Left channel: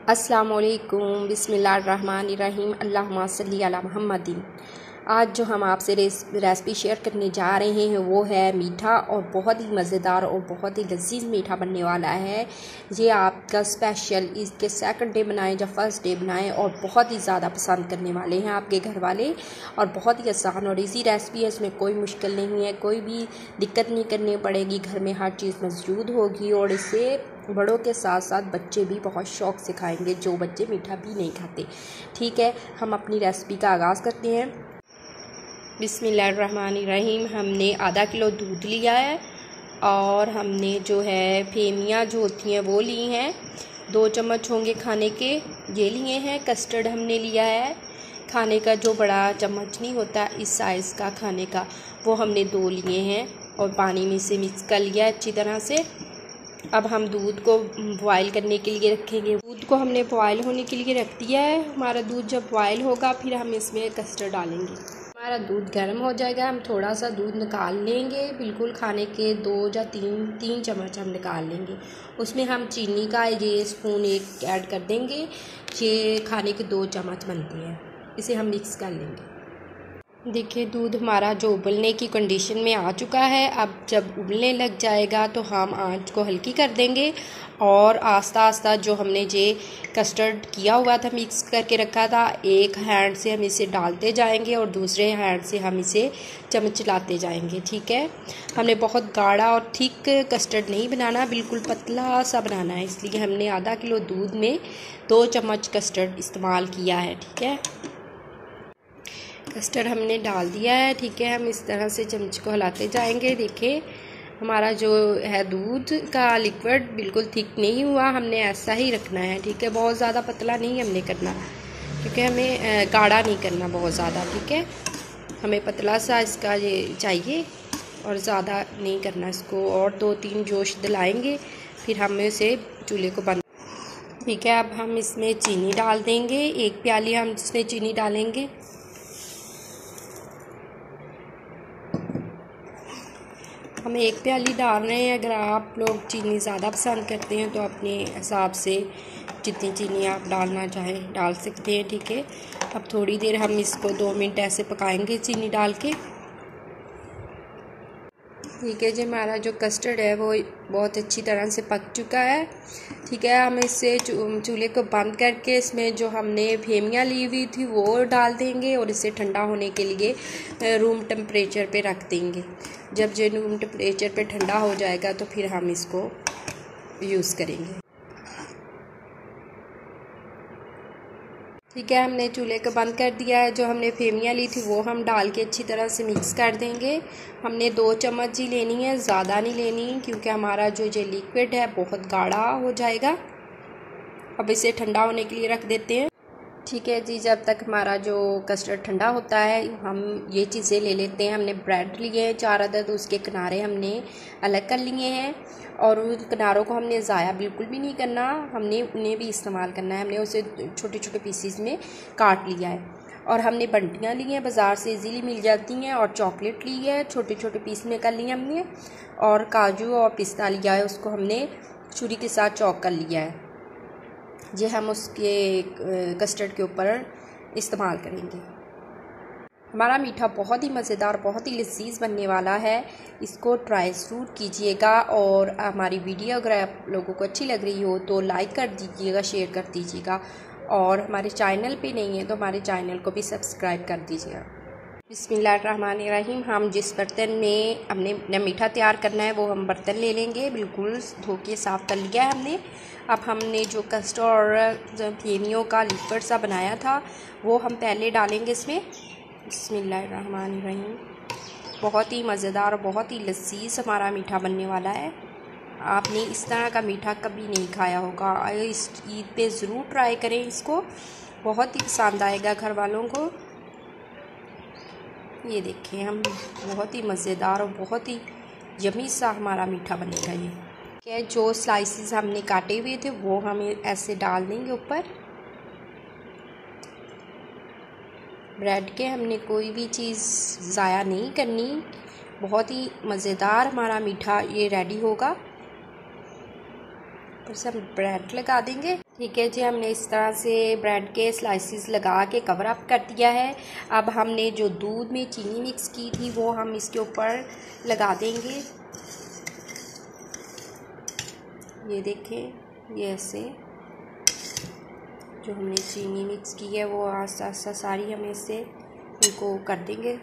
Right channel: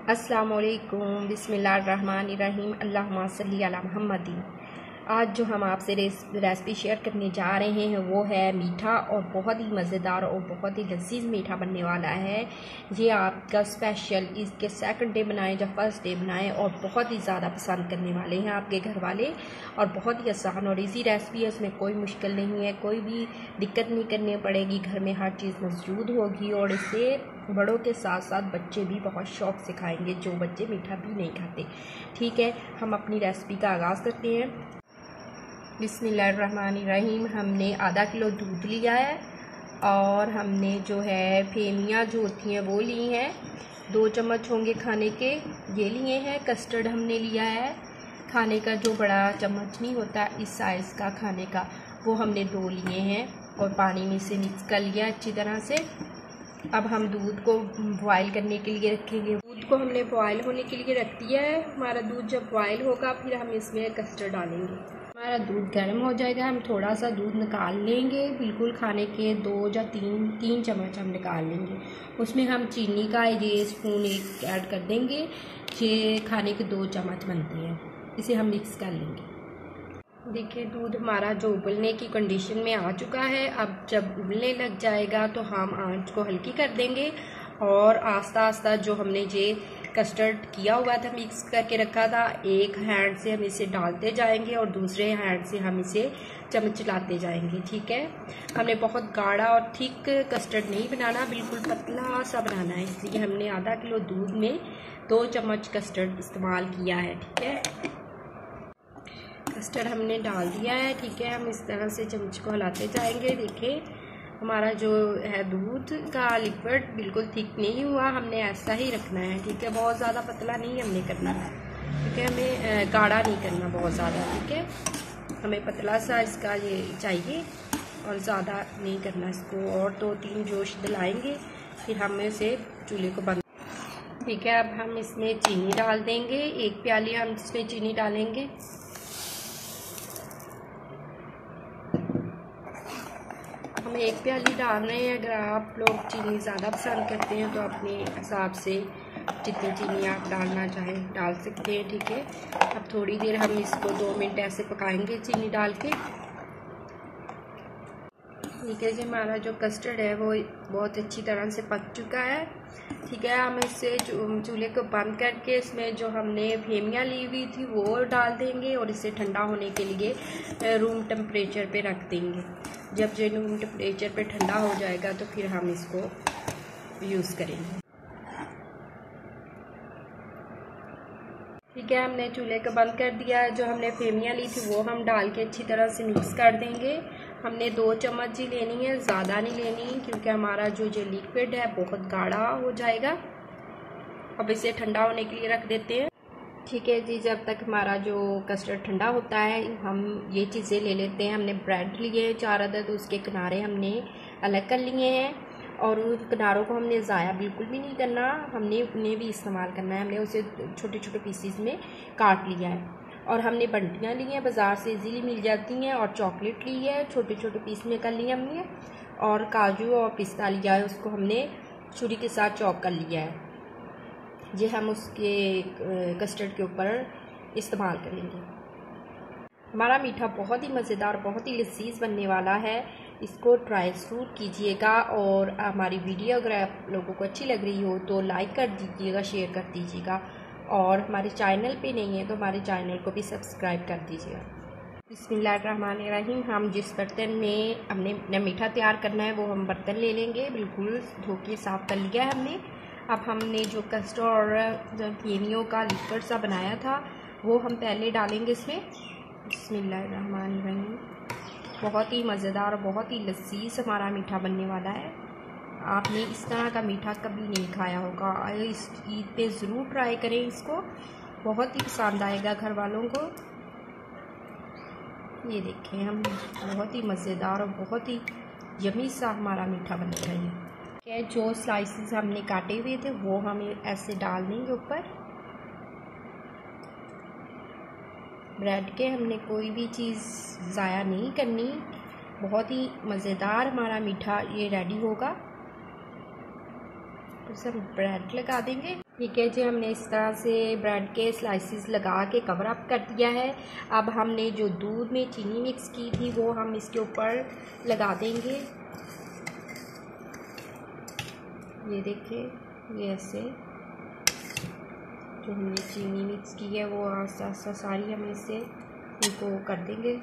अस्सलामुअलैकुम बिस्मिल्लाहिर्रहमानिर्रहीम अल्लाहुम्मा सल्ली अला मुहम्मदिन। आज जो हम आपसे रेसिपी शेयर करने जा रहे हैं वो है मीठा और बहुत ही मज़ेदार और बहुत ही लजीज मीठा बनने वाला है। ये आपका स्पेशल इसके सेकंड डे बनाएं या फर्स्ट डे बनाएं और बहुत ही ज़्यादा पसंद करने वाले हैं आपके घर वाले। और बहुत ही आसान और इजी रेसिपी है, इसमें कोई मुश्किल नहीं है, कोई भी दिक्कत नहीं करनी पड़ेगी, घर में हर चीज़ मौजूद होगी और इसे बड़ों के साथ साथ बच्चे भी बहुत शौक़ से खाएंगे, जो बच्चे मीठा भी नहीं खाते। ठीक है, हम अपनी रेसिपी का आगाज़ करते हैं। बिस्मिल्लाहिर्रहमानिर्रहीम। हमने आधा किलो दूध लिया है और हमने जो है फेमियाँ जो होती हैं वो ली हैं, 2 चम्मच होंगे खाने के ये लिए हैं। कस्टर्ड हमने लिया है खाने का, जो बड़ा चम्मच नहीं होता इस साइज़ का खाने का, वो हमने 2 लिए हैं और पानी में से मिक्स कर लिया अच्छी तरह से। अब हम दूध को बॉयल करने के लिए रखेंगे। दूध को हमने बॉयल होने के लिए रख दिया है। हमारा दूध जब बॉयल होगा फिर हम इसमें कस्टर्ड डालेंगे। हमारा दूध गर्म हो जाएगा, हम थोड़ा सा दूध निकाल लेंगे, बिल्कुल खाने के 2 या 3 चम्मच हम निकाल लेंगे। उसमें हम चीनी का ये स्पून 1 ऐड कर देंगे। ये खाने के 2 चम्मच बनते हैं, इसे हम मिक्स कर लेंगे। देखिए दूध हमारा जो उबलने की कंडीशन में आ चुका है। अब जब उबलने लग जाएगा तो हम आंच को हल्की कर देंगे और आस्ता आस्ता जो हमने ये कस्टर्ड किया हुआ था, मिक्स करके रखा था, एक हैंड से हम इसे डालते जाएंगे और दूसरे हैंड से हम इसे चम्मच चलाते जाएंगे। ठीक है, हमने बहुत गाढ़ा और थिक कस्टर्ड नहीं बनाना, बिल्कुल पतला सा बनाना है, इसलिए हमने आधा किलो दूध में 2 चम्मच कस्टर्ड इस्तेमाल किया है। ठीक है, कस्टर्ड हमने डाल दिया है। ठीक है, हम इस तरह से चम्मच को हिलाते जाएंगे। देखिए हमारा जो है दूध का लिक्विड बिल्कुल थिक नहीं हुआ, हमने ऐसा ही रखना है। ठीक है, बहुत ज़्यादा पतला नहीं हमने करना, क्योंकि हमें गाढ़ा नहीं करना बहुत ज़्यादा। ठीक है, हमें पतला सा इसका ये चाहिए और ज़्यादा नहीं करना इसको। और 2-3 जोश दिलाएंगे फिर हम इसे चूल्हे को बंद। ठीक है, अब हम इसमें चीनी डाल देंगे। 1 प्याली हम इसमें चीनी डालेंगे। हम 1 प्याली डाल रहे हैं। अगर आप लोग चीनी ज़्यादा पसंद करते हैं तो अपने हिसाब से जितनी चीनी आप डालना चाहें डाल सकते हैं। ठीक है, अब थोड़ी देर हम इसको 2 मिनट ऐसे पकाएंगे चीनी डाल के। ठीक है जी, हमारा जो कस्टर्ड है वो बहुत अच्छी तरह से पक चुका है। ठीक है, हम इससे चूल्हे को बंद करके इसमें जो हमने फेमियाँ ली हुई थी वो डाल देंगे और इसे ठंडा होने के लिए रूम टेम्परेचर पे रख देंगे। जब ये रूम टेम्परेचर पे ठंडा हो जाएगा तो फिर हम इसको यूज़ करेंगे। ठीक है, हमने चूल्हे को बंद कर दिया है। जो हमने फेमियाँ ली थी वो हम डाल के अच्छी तरह से मिक्स कर देंगे। हमने 2 चम्मच ही लेनी है, ज़्यादा नहीं लेनी, क्योंकि हमारा जो ये लिक्विड है बहुत गाढ़ा हो जाएगा। अब इसे ठंडा होने के लिए रख देते हैं। ठीक है जी, जब तक हमारा जो कस्टर्ड ठंडा होता है हम ये चीज़ें ले लेते हैं। हमने ब्रेड लिए हैं 4 अदद, उसके किनारे हमने अलग कर लिए हैं और उन किनारों को हमने ज़ाया बिल्कुल भी नहीं करना, हमने उन्हें भी इस्तेमाल करना है। हमने उसे छोटे छोटे पीसीस में काट लिया है और हमने बंटियाँ ली हैं, बाज़ार से इजीली मिल जाती हैं, और चॉकलेट ली है, छोटे छोटे पीस में कर लिए हमने, और काजू और पिस्ता लिया है, उसको हमने छुरी के साथ चॉप कर लिया है। ये हम उसके कस्टर्ड के ऊपर इस्तेमाल करेंगे। हमारा मीठा बहुत ही मज़ेदार, बहुत ही लजीज बनने वाला है। इसको ट्राई ज़रूर कीजिएगा और हमारी वीडियो अगर आप लोगों को अच्छी लग रही हो तो लाइक कर दीजिएगा, शेयर कर दीजिएगा, और हमारे चैनल पे नहीं है तो हमारे चैनल को भी सब्सक्राइब कर दीजिएगा। बिस्मिल्लाहिर्रहमानिर्रहीम। हम जिस बर्तन में हमने मीठा तैयार करना है वो हम बर्तन ले लेंगे, बिल्कुल धो के साफ़ कर लिया है हमने। अब हमने जो कस्टर्ड और फेमियों का लिक्विड सा बनाया था वो हम पहले डालेंगे इसमें। बिस्मिल्लाहिर्रहमानिर्रहीम। बहुत ही मज़ेदार, बहुत ही लजीज हमारा मीठा बनने वाला है। आपने इस तरह का मीठा कभी नहीं खाया होगा, इस ईद पे ज़रूर ट्राई करें इसको, बहुत ही पसंद आएगा घर वालों को। ये देखें, हम बहुत ही मज़ेदार और बहुत ही यमी सा हमारा मीठा बनेगा ये। क्या जो स्लाइसेस हमने काटे हुए थे वो हमें ऐसे डाल देंगे ऊपर ब्रेड के। हमने कोई भी चीज़ ज़ाया नहीं करनी। बहुत ही मज़ेदार हमारा मीठा ये रेडी होगा। ऊपर से हम ब्रेड लगा देंगे। ठीक है जी, हमने इस तरह से ब्रेड के स्लाइसिस लगा के कवर अप कर दिया है। अब हमने जो दूध में चीनी मिक्स की थी वो हम इसके ऊपर लगा देंगे। ये देखें, ये ऐसे जो हमने चीनी मिक्स की है वो आस्ता आस्ता सारी हम इससे इनको कर देंगे।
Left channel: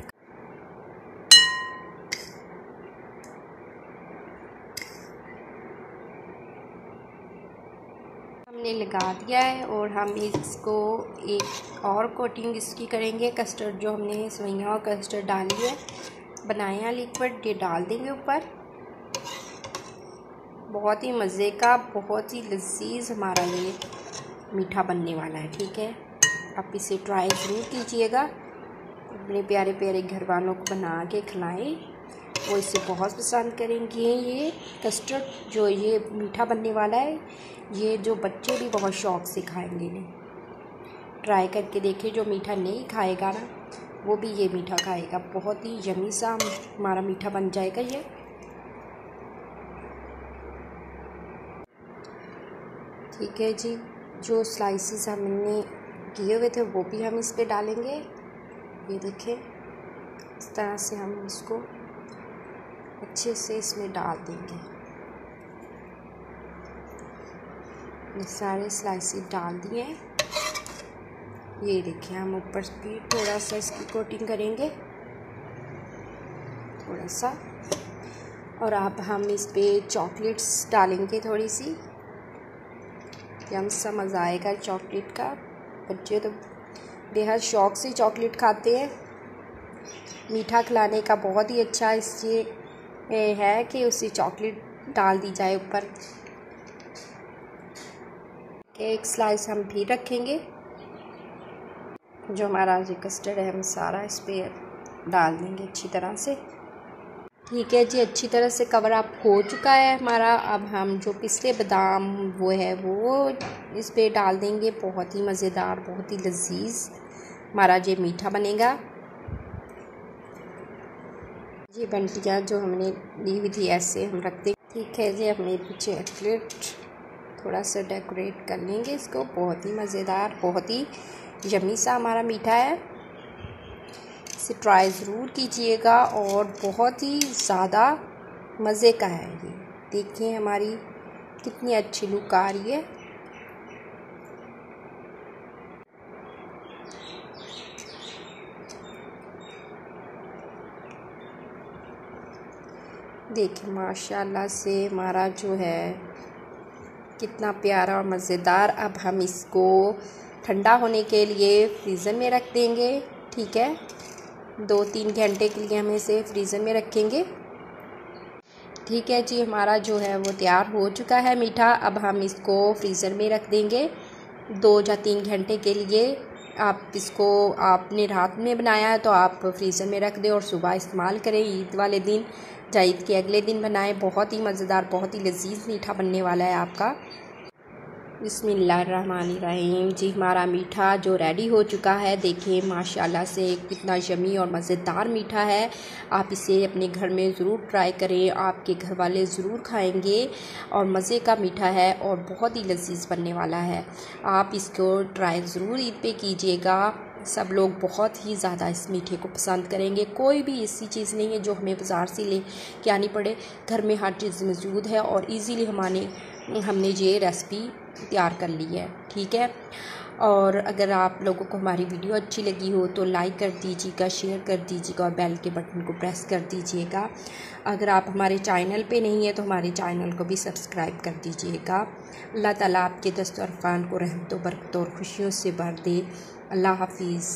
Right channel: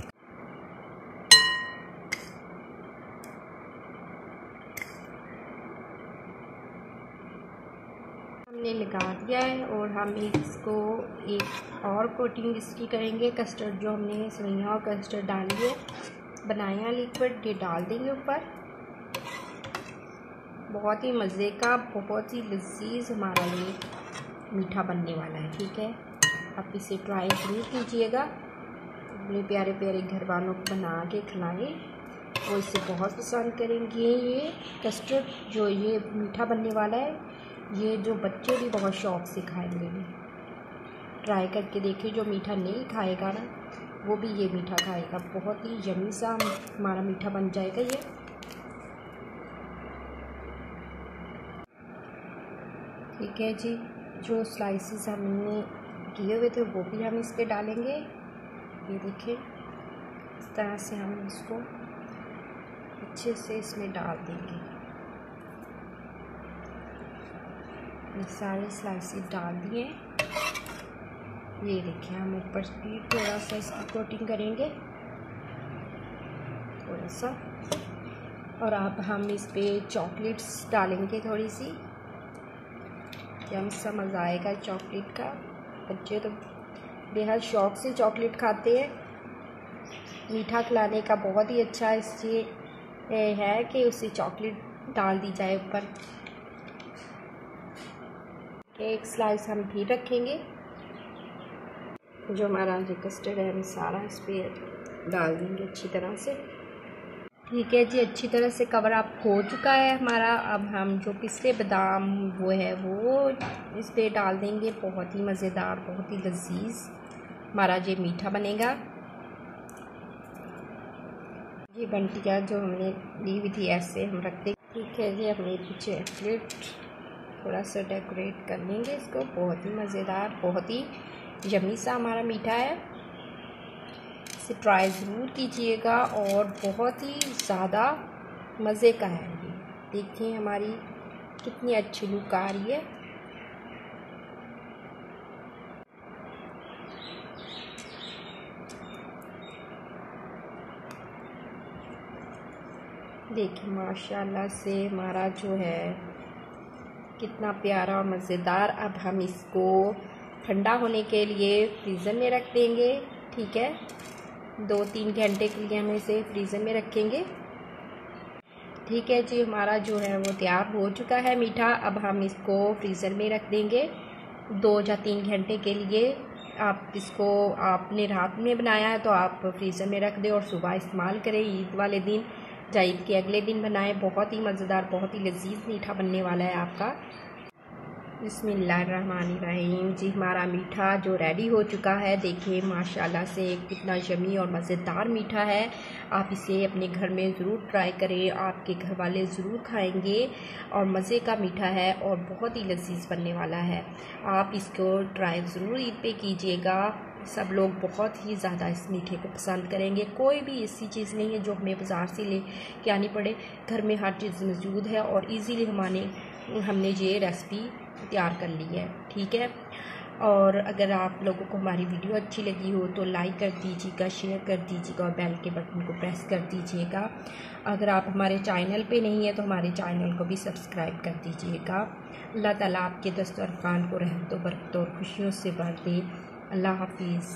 हमने लगा दिया है और हम इसको एक और कोटिंग इसकी करेंगे। कस्टर्ड जो हमने सेवइयां और कस्टर्ड डाली है बनाया लिक्विड, ये डाल देंगे ऊपर। बहुत ही मज़े का, बहुत ही लजीज हमारा ये मीठा बनने वाला है। ठीक है, आप इसे ट्राई ज़रूर कीजिएगा, अपने प्यारे प्यारे घर वालों को बना के खिलाएं, वो इसे बहुत पसंद करेंगे। ये कस्टर्ड जो ये मीठा बनने वाला है, ये जो बच्चे भी बहुत शौक़ से खाएंगे। ट्राई करके देखिए, जो मीठा नहीं खाएगा ना वो भी ये मीठा खाएगा। बहुत ही यमी सा हमारा मीठा बन जाएगा ये। ठीक है जी, जो स्लाइसेस हमने किए हुए थे वो भी हम इस पे डालेंगे। ये देखिए, इस तरह से हम इसको अच्छे से इसमें डाल देंगे। ये सारे स्लाइसेस डाल दिए। ये देखिए, हम ऊपर भी थोड़ा सा इसकी कोटिंग करेंगे, थोड़ा सा। और अब हम इस पे चॉकलेट्स डालेंगे थोड़ी सी। यम सा मज़ा आएगा चॉकलेट का। बच्चे तो बेहद शौक़ से चॉकलेट खाते हैं। मीठा खिलाने का बहुत ही अच्छा इससे है कि उसे चॉकलेट डाल दी जाए ऊपर। एक स्लाइस हम भी रखेंगे। जो हमारा जो कस्टर्ड है हम सारा इस पर डाल देंगे अच्छी तरह से। ठीक है जी, अच्छी तरह से कवर अप हो चुका है हमारा। अब हम जो पिस्ते बादाम वो है वो इस पे डाल देंगे। बहुत ही मज़ेदार, बहुत ही लजीज हमारा ये मीठा बनेगा। ये बंटियाँ जो हमने ली हुई थी ऐसे हम रख देंगे। ठीक है जी, अपने पीछे चॉकलेट थोड़ा सा डेकोरेट कर लेंगे इसको। बहुत ही मज़ेदार, बहुत ही यमी सा हमारा मीठा है। इसे ट्राई ज़रूर कीजिएगा और बहुत ही ज़्यादा मज़े का है ये। देखिए हमारी कितनी अच्छी लुक आ रही है। देखिए माशाल्लाह से हमारा जो है कितना प्यारा और मज़ेदार। अब हम इसको ठंडा होने के लिए फ्रीज़र में रख देंगे। ठीक है, 2-3 घंटे के लिए हम इसे फ्रीज़र में रखेंगे। ठीक है जी, हमारा जो है वो तैयार हो चुका है मीठा। अब हम इसको फ्रीज़र में रख देंगे 2 या 3 घंटे के लिए। आप इसको आपने रात में बनाया है तो आप फ्रीज़र में रख दें और सुबह इस्तेमाल करें। ईद वाले दिन या ईद के अगले दिन बनाएं। बहुत ही मज़ेदार, बहुत ही लजीज मीठा बनने वाला है आपका। बिस्मिल्लाहिर्रहमानिर्रहीम। जी, हमारा मीठा जो रेडी हो चुका है, देखिए माशाल्लाह से कितना यमी और मज़ेदार मीठा है। आप इसे अपने घर में ज़रूर ट्राई करें, आपके घर वाले ज़रूर खाएंगे। और मज़े का मीठा है और बहुत ही लजीज बनने वाला है। आप इसको ट्राई ज़रूर ईद पे कीजिएगा। सब लोग बहुत ही ज़्यादा इस मीठे को पसंद करेंगे। कोई भी ऐसी चीज़ नहीं है जो हमें बाज़ार से ले के आनी पड़े। घर में हर चीज़ मौजूद है और इजीली हमने ये रेसिपी तैयार कर ली है। ठीक है, और अगर आप लोगों को हमारी वीडियो अच्छी लगी हो तो लाइक कर दीजिएगा, शेयर कर दीजिएगा और बेल के बटन को प्रेस कर दीजिएगा। अगर आप हमारे चैनल पे नहीं है तो हमारे चैनल को भी सब्सक्राइब कर दीजिएगा। अल्लाह ताला आपके दस्तरखान को रहमतों बरकतों और खुशियों से भर दे। अल्लाह हाफिज़।